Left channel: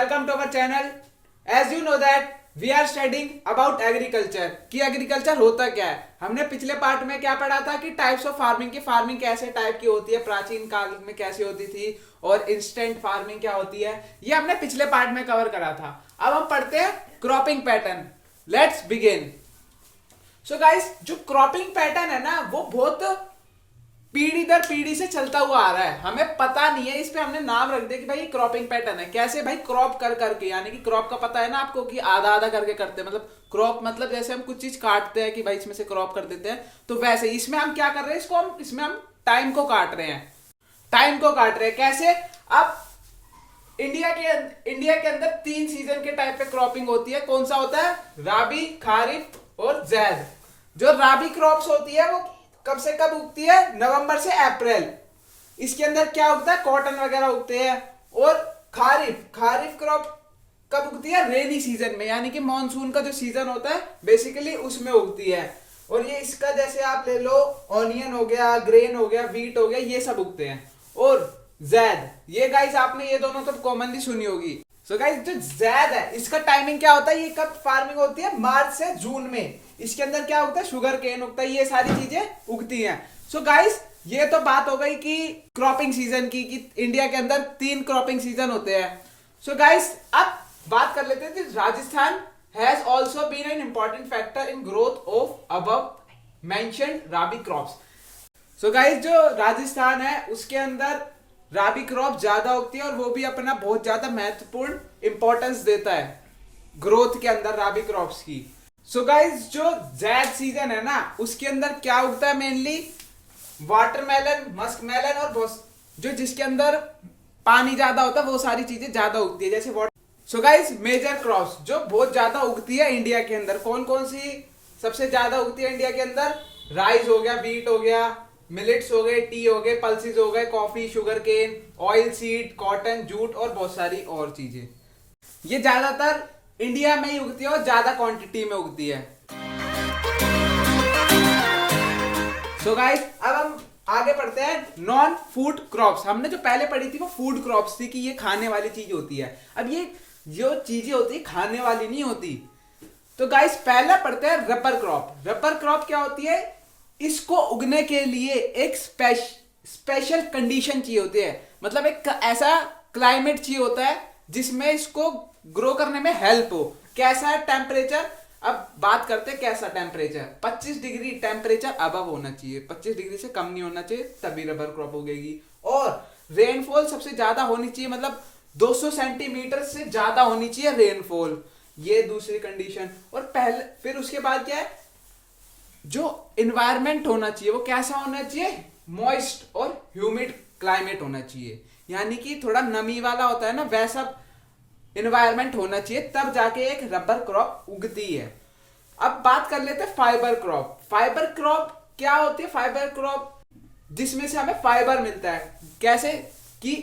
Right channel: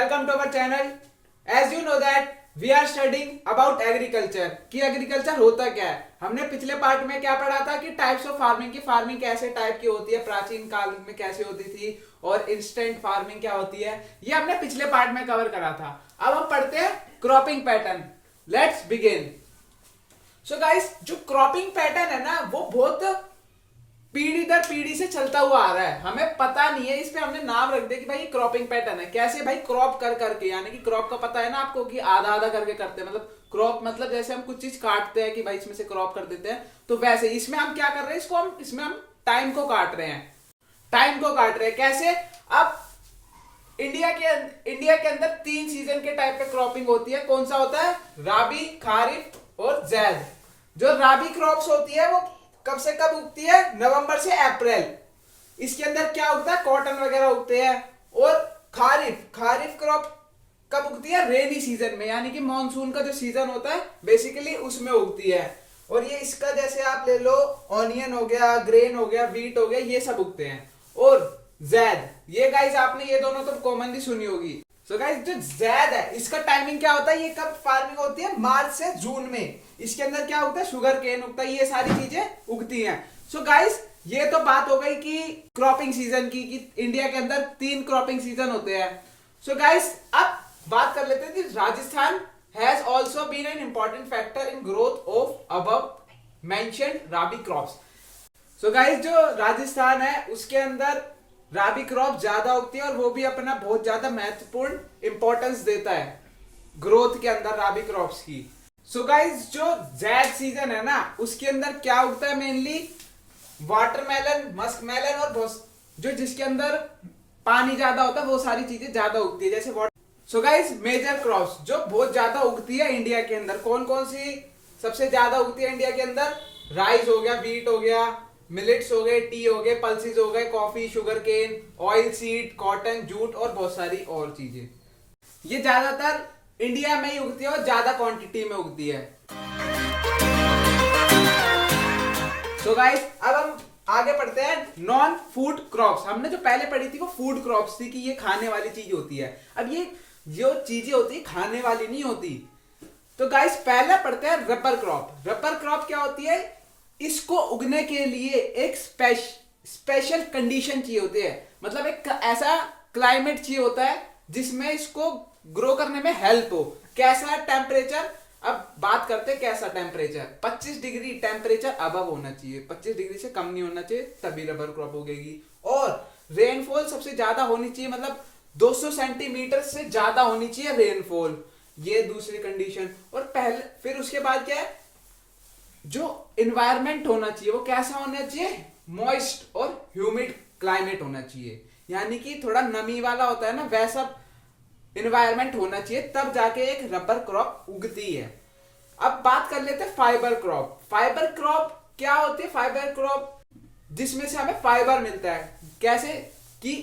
welcome to our channel. As you know that we are studying about agriculture कि agriculture होता क्या है। हमने पिछले पार्ट में क्या पढ़ा था कि टाइप्स ऑफ फार्मिंग की फार्मिंग कैसे टाइप की होती है, प्राचीन काल में कैसे होती थी और इंस्टेंट फार्मिंग क्या होती है, ये हमने पिछले पार्ट में कवर करा था। अब हम पढ़ते हैं cropping pattern. Let's begin. So guys, जो क्रॉपिंग पैटर्न है ना वो बहुत पीढ़ी दर पीढ़ी से चलता हुआ आ रहा है। हमें पता नहीं है, इस पे हमने नाम रख दिया कि भाई ये क्रॉपिंग पैटर्न है। कैसे भाई, क्रॉप कर करके, यानी कि क्रॉप का पता है ना आपको कि आधा आधा करके करते हैं। मतलब क्रॉप मतलब जैसे हम कुछ चीज काटते हैं कि भाई इसमें से क्रॉप कर देते हैं, तो वैसे इसमें हम क्या कर रहे हैं, इसमें हम टाइम को काट रहे हैं। कैसे? अब इंडिया के अंदर 3 सीजन के टाइप पे क्रॉपिंग होती है। कौन सा होता है? राबी, खारिफ और जैद। जो राबी क्रॉप्स होती है वो कब से कब उगती है? नवंबर से अप्रैल। इसके अंदर क्या उगता है? कॉटन वगैरह उगते हैं। और खारिफ क्रॉप कब उगती है? रेनी सीजन में, यानी कि मॉनसून का जो सीजन होता है बेसिकली उसमें उगती है। और ये इसका जैसे आप ले लो, ऑनियन हो गया, ग्रेन हो गया, व्हीट हो गया, ये सब उगते हैं। और जैद, ये गाइस आपने ये दोनों तो कॉमनली सुनी होगी। सो गाइस, जो जैद है इसका टाइमिंग क्या होता है? ये कब फार्मिंग होती है? मार्च से जून में। इसके अंदर क्या उगता है? शुगर केन उगता है, ये सारी चीजें उगती हैं। सो गाइस, ये तो बात हो गई कि क्रॉपिंग सीजन की, कि इंडिया के अंदर 3 क्रॉपिंग सीजन होते हैं। सो गाइस, अब बात कर लेते हैं कि Rajasthan has also been an important factor in growth of above mentioned rabi crops. So guys, जो राजस्थान है उसके अंदर राबी क्रॉप ज्यादा उगती है और वो भी अपना बहुत ज्यादा महत्वपूर्ण इंपॉर्टेंस देता है ग्रोथ के अंदर राबी क्रॉप्स की। सो गाइस, जो जैद सीजन है ना उसके अंदर क्या उगता है? मेनली वाटरमेलन, मस्क मेलन और जो जिसके अंदर पानी ज्यादा होता है वो सारी चीजें ज्यादा उगती है, जैसे water. So guys, major crops जो बहुत ज्यादा उगती है इंडिया के अंदर, कौन कौन सी सबसे ज्यादा उगती है इंडिया के अंदर? राइस हो गया, व्हीट हो गया, मिलेट्स हो गए, टी हो गए, पल्सेस हो गए, coffee, sugar cane, oil seed, cotton, jute और बहुत सारी और चीजें। ये ज्यादातर इंडिया में ही उगती है और ज्यादा क्वांटिटी में उगती है। सो गाइस, अब हम आगे पढ़ते हैं नॉन फूड क्रॉप्स। हमने जो पहले पढ़ी थी वो फूड क्रॉप्स थी कि ये खाने वाली चीज होती है। अब ये जो चीजें होती है खाने वाली नहीं होती। तो गाइस, पहले पढ़ते हैं रबर क्रॉप। रबर क्रॉप क्या होती है? इसको उगने के लिए एक स्पेशल कंडीशन चाहिए होती है। मतलब एक ऐसा क्लाइमेट चाहिए होता है जिसमें इसको ग्रो करने में हेल्प हो। कैसा है टेम्परेचर? अब बात करते हैं कैसा टेम्परेचर। 25 डिग्री टेम्परेचर अबव होना चाहिए, 25 डिग्री से कम नहीं होना चाहिए, तभी रबर क्रॉप उगेगी। और रेनफॉल सबसे ज्यादा होनी चाहिए, मतलब 200 सेंटीमीटर से ज्यादा होनी चाहिए रेनफॉल। ये दूसरी कंडीशन। और फिर उसके बाद क्या है? जो एनवायरनमेंट होना चाहिए वो कैसा होना चाहिए? मॉइस्ट और ह्यूमिड क्लाइमेट होना चाहिए, यानी कि थोड़ा नमी वाला होता है ना, वैसा एनवायरनमेंट होना चाहिए, तब जाके एक रबर क्रॉप उगती है। अब बात कर लेते हैं फाइबर क्रॉप। फाइबर क्रॉप क्या होती है? फाइबर क्रॉप जिसमें से हमें फाइबर मिलता है। कैसे? कि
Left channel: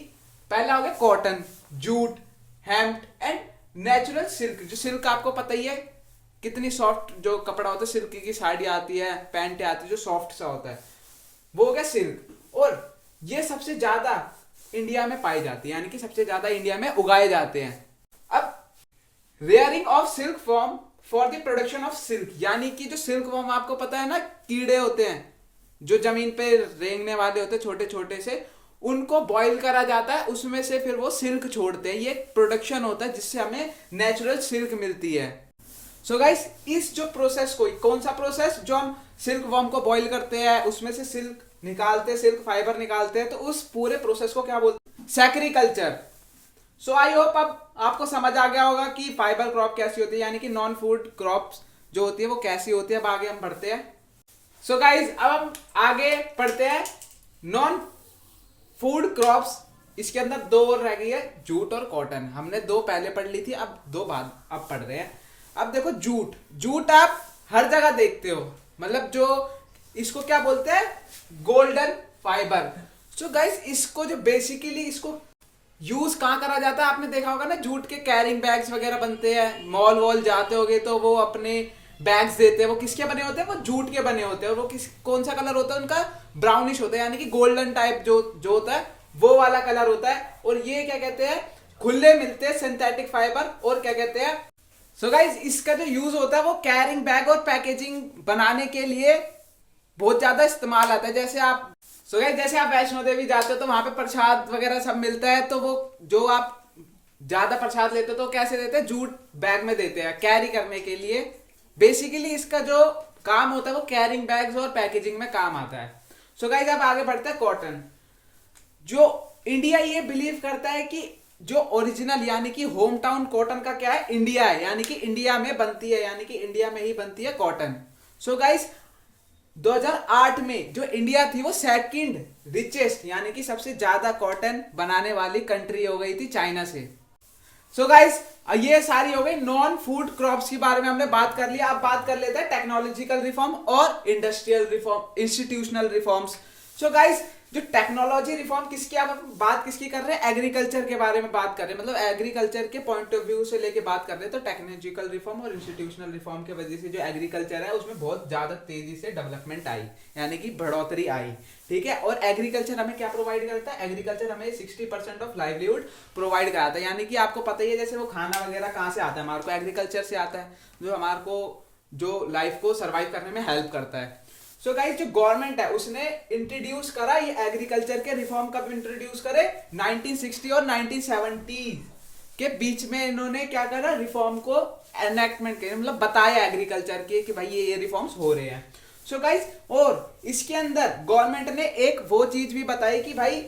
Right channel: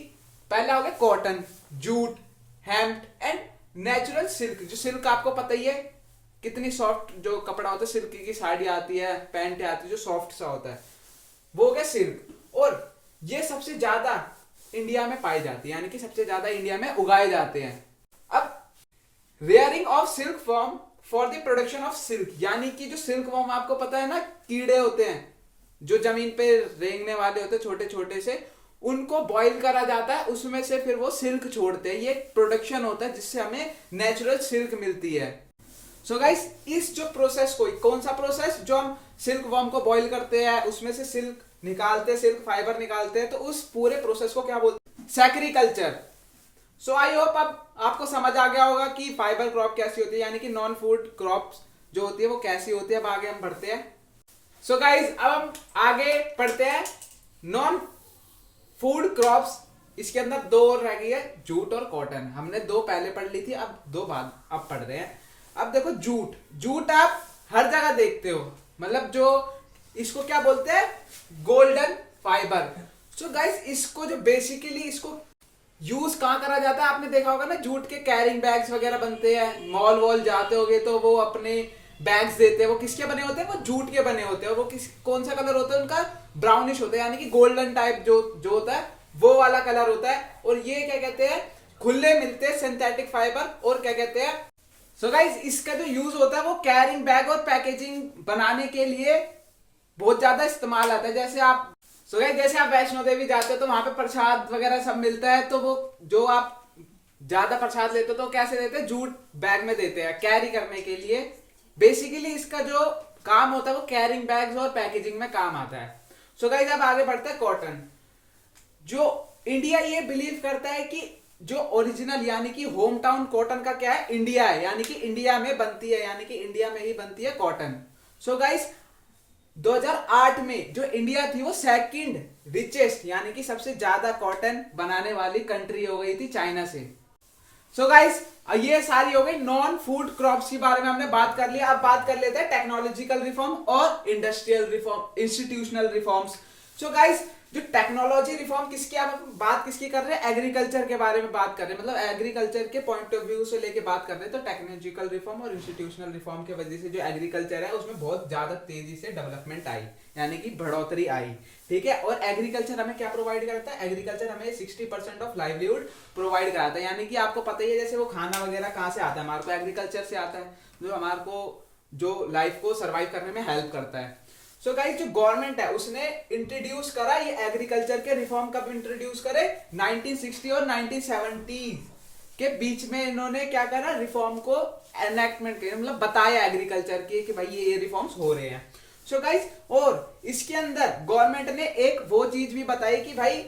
पहला हो गया cotton, jute, hemp and natural silk. जो सिल्क आपको पता ही है कितनी सॉफ्ट जो कपड़ा होता है, सिल्क की साड़ी आती है, पैंट आती है जो सॉफ्ट सा होता है, वो हो गया सिल्क। और ये सबसे ज्यादा इंडिया में पाई जाती है, यानी कि सबसे ज्यादा इंडिया में उगाए जाते हैं। अब rearing of silk form for the production of silk, यानी कि जो सिल्क फॉर्म आपको पता है ना, कीड़े होते हैं जो जमीन पे रेंगने वाले होते हैं छोटे छोटे से, उनको बॉईल करा जाता है, उसमें से फिर वो सिल्क छोड़ते हैं। ये प्रोडक्शन होता है जिससे हमें नेचुरल सिल्क मिलती है। सो गाइस, इस जो प्रोसेस को, कौन सा प्रोसेस? जो हम सिल्क वॉर्म को बॉईल करते हैं, उसमें से सिल्क निकालते हैं, सिल्क फाइबर निकालते हैं, तो उस पूरे प्रोसेस को क्या बोलते हैं? सेक्रीकल्चर। सो आई होप अब आपको समझ आ गया होगा कि फाइबर क्रॉप कैसी होती है, यानी कि नॉन फूड क्रॉप्स जो होती है वो कैसी होती है। अब आगे हम बढ़ते हैं। सो गाइस, अब हम आगे पढ़ते हैं नॉन फूड क्रॉप्स। इसके अंदर 2 और रह गई है, जूट और कॉटन। हमने 2 पहले पढ़ ली थी, अब 2 बाद अब पढ़ रहे हैं। अब देखो जूट आप हर जगह देखते हो, मतलब जो इसको क्या बोलते हैं? Golden fibre. सो गाइस, इसको जो बेसिकली इसको यूज कहाँ करा जाता है? आपने देखा होगा ना, जूट के कैरिंग बैग्स वगैरह बनते हैं, मॉल वॉल जाते होगे तो वो अपने बैग्स देते हैं। वो किसके बने होते हैं? वो जूट के बने होते हैं। वो कौन सा कलर होता है उनका? ब्राउनिश होता है, यानी कि गोल्डन टाइप जो होता है वो वाला कलर होता है। और ये क्या कहते हैं? खुले मिलते हैं सिंथेटिक फाइबर, और क्या कहते हैं। सो गाइस इसका जो यूज होता है वो कैरिंग बैग और पैकेजिंग बनाने के लिए बहुत ज्यादा इस्तेमाल आता है। जैसे आप जैसे आप वैष्णो देवी जाते हो तो वहां पे प्रसाद वगैरह सब मिलता है, तो वो जो आप ज्यादा प्रसाद लेते हो तो कैसे देते हैं, जूट बैग में देते हैं कैरी करने के लिए। बेसिकली इसका जो काम होता है वो कैरिंग बैग्स और पैकेजिंग में काम आता है। सो गाइस अब आगे बढ़ते हैं कॉटन। जो इंडिया ये बिलीव करता है कि जो ओरिजिनल यानी कि होम टाउन कॉटन का क्या है, इंडिया है, यानी कि इंडिया में बनती है, यानी कि इंडिया में ही बनती है कॉटन। सो गाइस 2008 में जो इंडिया थी वो सेकंड रिचेस्ट यानी कि सबसे ज्यादा कॉटन बनाने वाली कंट्री हो गई थी चाइना से। सो गाइस ये सारी हो गई नॉन फूड क्रॉप्स के बारे में हमने बात कर लिया। अब बात कर लेते हैं टेक्नोलॉजिकल रिफॉर्म और इंडस्ट्रियल रिफॉर्म, इंस्टीट्यूशनल रिफॉर्म्स। सो गाइस जो टेक्नोलॉजी रिफॉर्म किसकी, आप बात किसकी कर रहे हैं, एग्रीकल्चर के बारे में बात कर रहे हैं, मतलब एग्रीकल्चर के पॉइंट ऑफ व्यू से लेके बात कर रहे हैं। तो टेक्नोलॉजिकल रिफॉर्म और इंस्टीट्यूशनल रिफॉर्म की वजह से जो एग्रीकल्चर है उसमें बहुत ज्यादा तेजी से डेवलपमेंट आई, यानी कि बढ़ोतरी आई, ठीक है। और एग्रीकल्चर हमें क्या प्रोवाइड करता है, एग्रीकल्चर हमें 60% ऑफ लाइवलीहुड प्रोवाइड कराता है, यानी कि आपको पता ही है जैसे वो खाना वगैरह कहाँ से आता है, हमारे को एग्रीकल्चर से आता है, जो हमारे को जो लाइफ को सर्वाइव करने में हेल्प करता है। सो गाइस जो गवर्नमेंट है उसने इंट्रोड्यूस करा ये एग्रीकल्चर के रिफॉर्म, कब इंट्रोड्यूस करे, 1960 और 1970 के बीच में इन्होंने क्या करा, रिफॉर्म को एनेक्टमेंट किया, मतलब बताया एग्रीकल्चर के कि भाई ये रिफॉर्म्स हो रहे हैं। सो गाइस और इसके अंदर गवर्नमेंट ने एक वो चीज भी बताई कि भाई,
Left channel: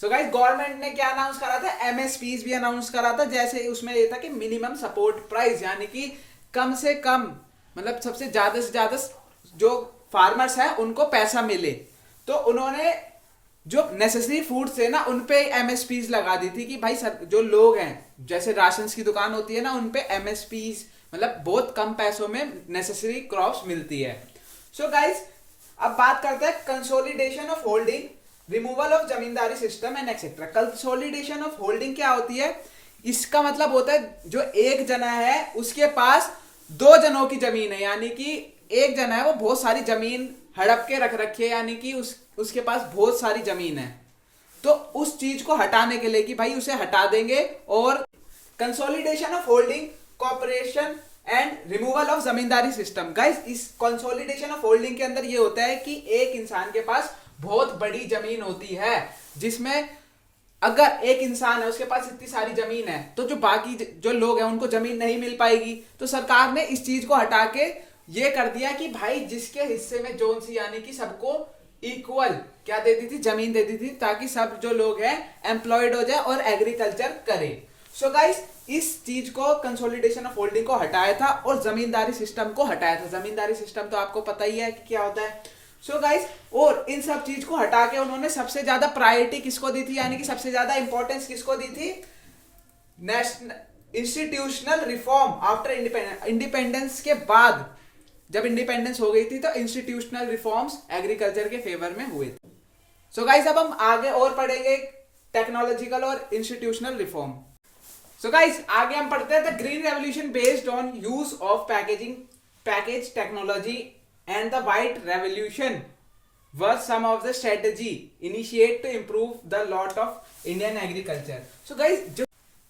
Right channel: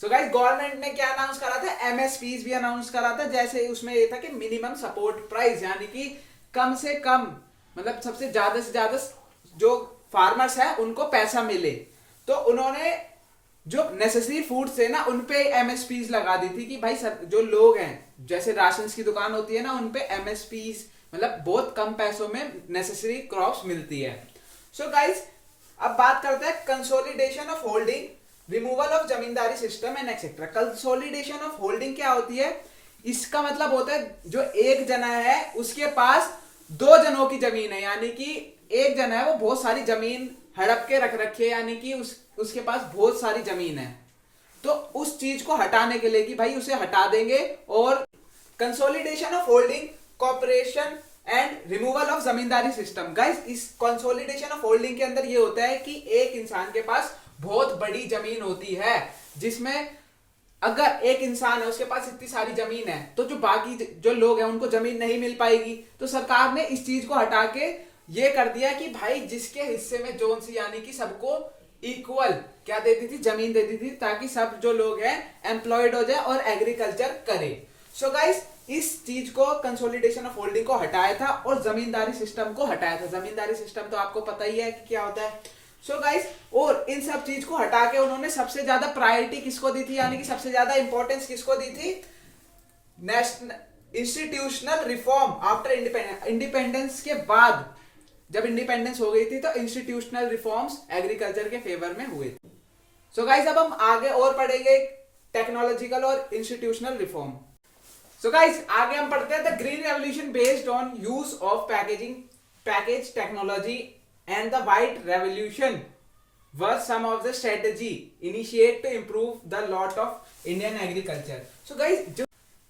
सो गाइस गवर्नमेंट ने क्या अनाउंस करा था, एमएसपीज भी अनाउंस करा था। जैसे उसमें ये था कि मिनिमम सपोर्ट प्राइस, यानी कि कम से कम मतलब सबसे ज्यादा से ज्यादा जो फार्मर्स है उनको पैसा मिले। तो उन्होंने जो नेसेसरी फूड्स है ना उन पे एमएसपीज लगा दी थी कि भाई जो लोग हैं, जैसे राशन की दुकान होती है ना, उन पे एमएसपीज मतलब बहुत कम पैसों में नेसेसरी क्रॉप्स मिलती है। सो गाइस अब बात करते हैं consolidation of holding, removal of zamindari system and etcetera. Consolidation of holding क्या होती है, इसका मतलब होता है जो एक जना है उसके पास दो जनों की जमीन है, यानी कि एक जना है वो बहुत सारी जमीन हड़प के रख रखी है, यानी कि उसके पास बहुत सारी जमीन है, तो उस चीज को हटाने के लिए कि भाई उसे हटा देंगे। और consolidation of holding, corporation and removal of zamindari system. Guys इस कंसोलिडेशन ऑफ होल्डिंग के अंदर ये होता है कि एक इंसान के पास बहुत बड़ी जमीन होती है, जिसमें अगर एक इंसान है उसके पास इतनी सारी जमीन है तो जो बाकी जो लोग हैं उनको जमीन नहीं मिल पाएगी। तो सरकार ने इस चीज को हटा के ये कर दिया कि भाई जिसके हिस्से में जोन सी, यानी कि सबको इक्वल क्या देती थी, जमीन देती थी, ताकि सब जो लोग हैं एम्प्लॉयड हो जाए और एग्रीकल्चर करे। सो गाइस इस चीज को कंसोलिडेशन ऑफ होल्डिंग को हटाया था और जमींदारी सिस्टम को हटाया था। जमींदारी सिस्टम तो आपको पता ही है कि क्या होता है। सो गाइस और इन सब चीज को हटा के उन्होंने सबसे ज्यादा प्रायोरिटी किसको दी थी, यानी कि सबसे ज्यादा इंपॉर्टेंस किसको दी थी, national institutional reform. After independence के बाद जब इंडिपेंडेंस हो गई थी तो इंस्टीट्यूशनल रिफॉर्म्स एग्रीकल्चर के फेवर में हुए थे। सो गाइस अब हम आगे और पढ़ेंगे टेक्नोलॉजिकल और इंस्टीट्यूशनल रिफॉर्म। सो गाइस आगे हम पढ़ते हैं the green revolution based on use of package technology and the white revolution were some of the strategy initiated to improve the lot of Indian agriculture. So guys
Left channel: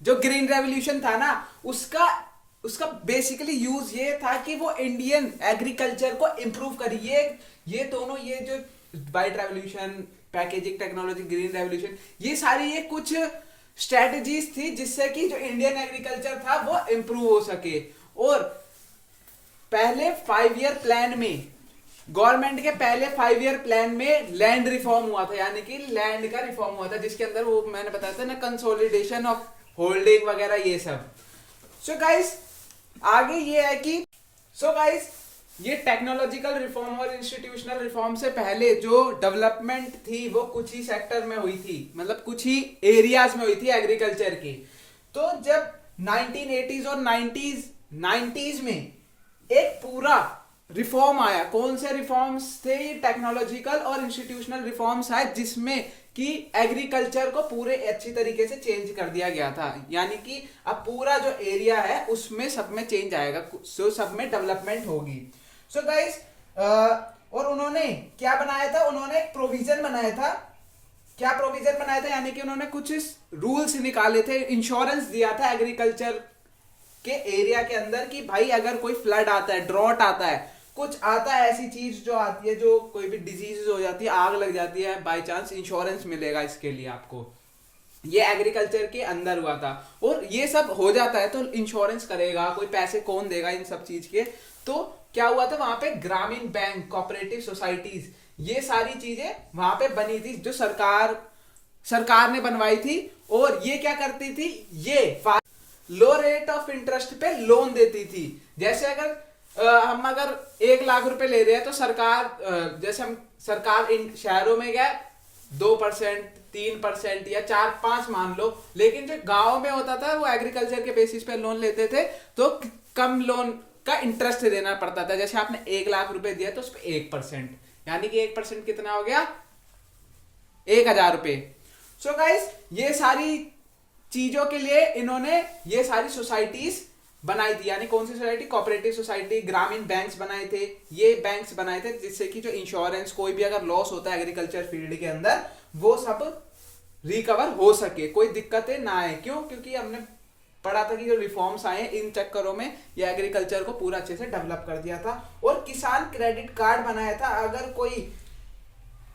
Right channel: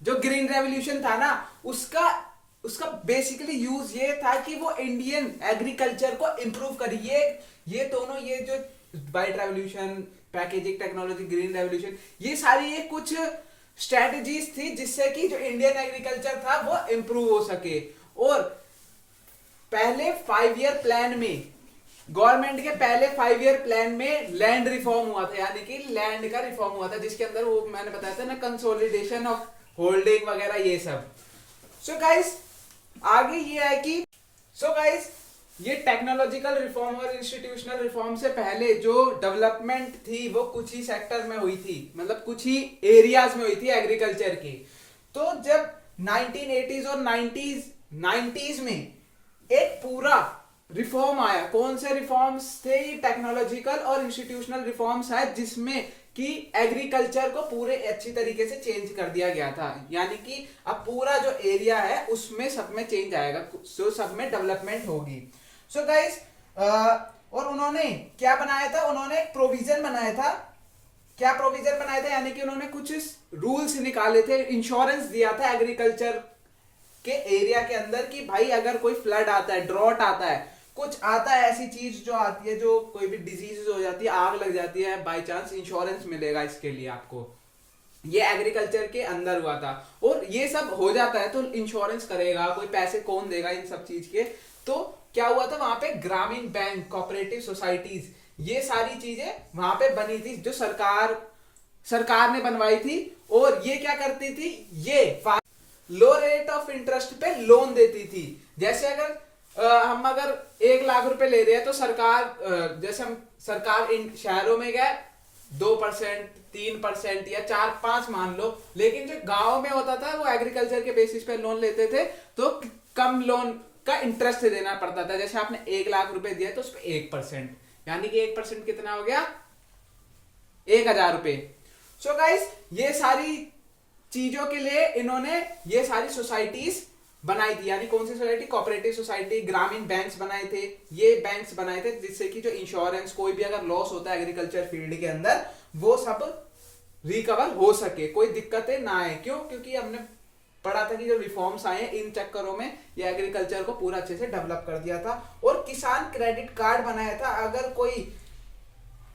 जो green revolution था ना उसका basically use ये था कि वो Indian agriculture को improve करिए। ये दोनों ये जो white revolution, packaging technology, green revolution, ये सारी ये कुछ स्ट्रेटजीज थी जिससे कि जो इंडियन एग्रीकल्चर था वो इंप्रूव हो सके। और पहले 5 ईयर प्लान में, गवर्नमेंट के पहले 5 ईयर प्लान में लैंड रिफॉर्म हुआ था, यानी कि लैंड का रिफॉर्म हुआ था, जिसके अंदर वो मैंने बताया था ना कंसोलिडेशन ऑफ होल्डिंग वगैरह ये सब। सो गाइस आगे ये है कि ये टेक्नोलॉजिकल रिफॉर्म और इंस्टीट्यूशनल रिफॉर्म से पहले जो डेवलपमेंट थी वो कुछ ही सेक्टर में हुई थी, मतलब कुछ ही एरियाज में हुई थी एग्रीकल्चर की। तो जब 1980s और 90s में एक पूरा रिफॉर्म आया, कौन से रिफॉर्म्स थे, ये टेक्नोलॉजिकल और इंस्टीट्यूशनल रिफॉर्म्स है, जिसमें कि एग्रीकल्चर को पूरे अच्छी तरीके से चेंज कर दिया गया था, यानी कि अब पूरा जो एरिया है उसमें सब में चेंज आएगा, सब में डेवलपमेंट होगी। सो गाइस और उन्होंने क्या बनाया था, उन्होंने एक प्रोविजन बनाया था, क्या प्रोविजन बनाए थे, यानी कि उन्होंने कुछ रूल्स निकाले थे, इंश्योरेंस दिया था एग्रीकल्चर के एरिया के अंदर कि भाई अगर कोई फ्लड आता है, ड्रॉट आता है, कुछ आता है, ऐसी चीज जो आती है, जो कोई भी डिजीज हो जाती है, आग लग जाती है बाय चांस, इंश्योरेंस मिलेगा इसके लिए आपको। ये एग्रीकल्चर के अंदर हुआ था। और ये सब हो जाता है तो इंश्योरेंस करेगा कोई, पैसे कौन देगा इन सब चीज के। तो क्या हुआ था वहां पे, ग्रामीण बैंक, कोऑपरेटिव सोसाइटीज, ये सारी चीजें वहां पे बनी थी, जो सरकार ने बनवाई थी। और ये क्या करती थी, ये लो रेट ऑफ इंटरेस्ट पे लोन देती थी। जैसे हम अगर 1 लाख रुपए ले रहे हैं तो जैसे हम सरकार इन शहरों में गए 2%, 3% या 4-5 मान लो, लेकिन जो गांव में होता था वो एग्रीकल्चर के बेसिस पे लोन लेते थे, तो कम लोन का इंटरेस्ट देना पड़ता था। जैसे आपने 1 लाख रुपए दिया तो उस पर 1%, यानी कि 1% कितना हो गया, 1,000 रुपए। सो गाइस, ये सारी चीजों के लिए इन्होंने ये सारी सोसाइटीज बनाई थी। यानी कौन सी सोसाइटी, कोऑपरेटिव सोसाइटी, ग्रामीण बैंक्स बनाए थे। ये बैंक्स बनाए थे जिससे कि जो इंश्योरेंस, कोई भी अगर लॉस होता है एग्रीकल्चर फील्ड के अंदर, वो सब रिकवर हो सके, कोई दिक्कतें ना आए। क्यों? क्योंकि हमने पढ़ा था कि जो रिफॉर्म्स आए इन चक्करों में ये एग्रीकल्चर को पूरा अच्छे से डेवलप कर दिया था। और किसान क्रेडिट कार्ड बनाया था। अगर कोई,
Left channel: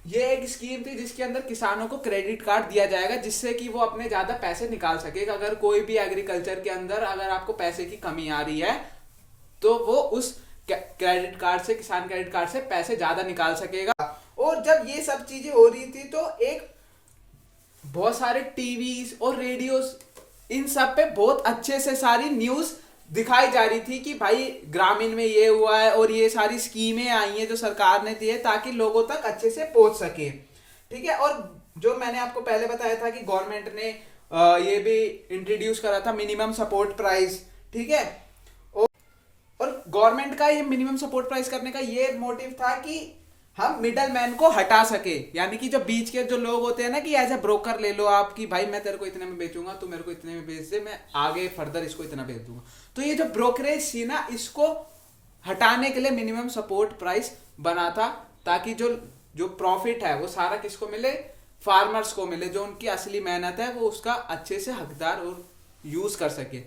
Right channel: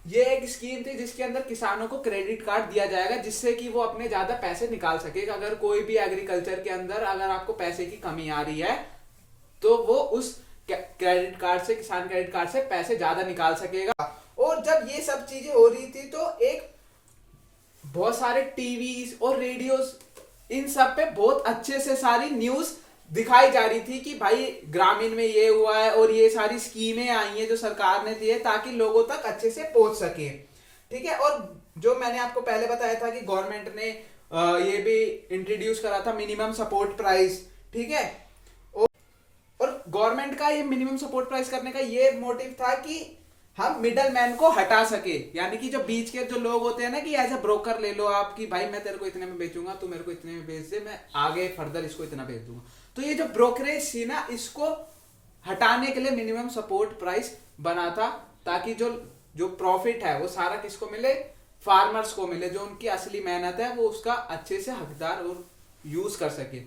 ये एक स्कीम थी जिसके अंदर किसानों को क्रेडिट कार्ड दिया जाएगा, जिससे कि वो अपने ज्यादा पैसे निकाल सके। अगर कोई भी एग्रीकल्चर के अंदर अगर आपको पैसे की कमी आ रही है तो वो उस क्रेडिट कार्ड से, किसान क्रेडिट कार्ड से पैसे ज्यादा निकाल सकेगा। और जब ये सब चीजें हो रही थी तो एक बहुत सारे टीवीज और रेडियोस, इन सब पे बहुत अच्छे से सारी न्यूज दिखाई जा रही थी कि भाई ग्रामीण में ये हुआ है और ये सारी स्कीमें आई हैं जो सरकार ने दी है, ताकि लोगों तक अच्छे से पहुंच सके। ठीक है। और जो मैंने आपको पहले बताया था कि गवर्नमेंट ने ये भी इंट्रोड्यूस करा था मिनिमम सपोर्ट प्राइस। ठीक है। और गवर्नमेंट का ये मिनिमम सपोर्ट प्राइस करने का ये मोटिव था कि हम मिडल मैन को हटा सके। यानी कि जो बीच के जो लोग होते हैं ना, कि एज ए ब्रोकर ले लो आप, कि भाई मैं तेरे को इतने में बेचूंगा, तू मेरे को इतने में बेच दे, मैं आगे फर्दर इसको इतना बेच दूंगा। तो ये जो ब्रोकरेज थी ना, इसको हटाने के लिए मिनिमम सपोर्ट प्राइस बना था, ताकि जो प्रॉफिट है वो सारा किसको मिले, फार्मर्स को मिले, जो उनकी असली मेहनत है वो उसका अच्छे से हकदार और यूज कर सके।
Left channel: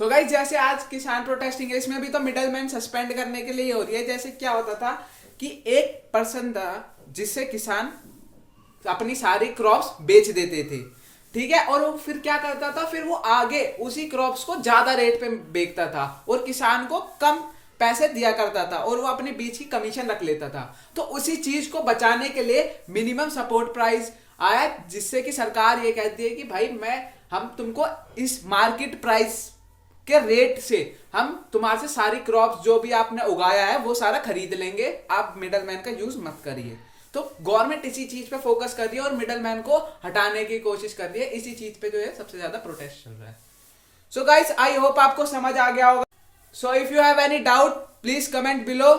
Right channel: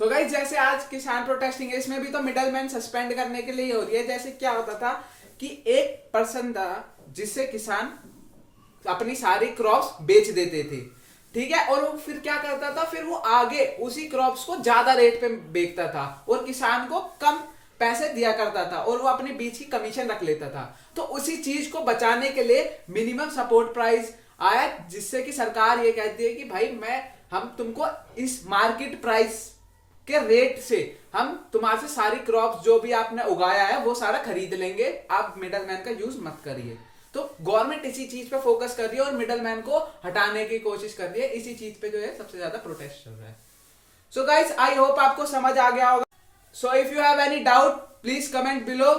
सो गाइस, जैसे आज किसान प्रोटेस्टिंग है, इसमें भी तो मिडल मैन सस्पेंड करने के लिए हो रही है। जैसे क्या होता था कि एक पर्सन था जिससे किसान अपनी सारी क्रॉप्स बेच देते थे। ठीक है। और वो फिर क्या करता था, फिर वो आगे उसी क्रॉप्स को ज्यादा रेट पे बेचता था और किसान को कम पैसे दिया करता था, और वो अपने बीच की कमीशन रख लेता था। तो उसी चीज को बचाने के लिए मिनिमम सपोर्ट प्राइस आया, जिससे कि सरकार ये कहती है कि भाई हम तुमको इस मार्केट प्राइस के रेट से हम तुम्हारे से सारी क्रॉप्स जो भी आपने उगाया है वो सारा खरीद लेंगे, आप मिडलमैन का यूज मत करिए। तो गवर्नमेंट इसी चीज पे फोकस कर रही है और मिडलमैन को हटाने की कोशिश कर रही है। इसी चीज पे जो है सबसे ज्यादा प्रोटेस्ट चल रहा है। सो गाइस, आई होप आपको समझ आ गया होगा। So if you have any doubt, please comment below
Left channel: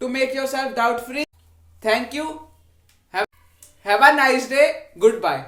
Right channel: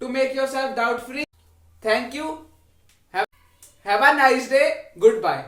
to make yourself doubt free. Thank you, have a nice day, good bye.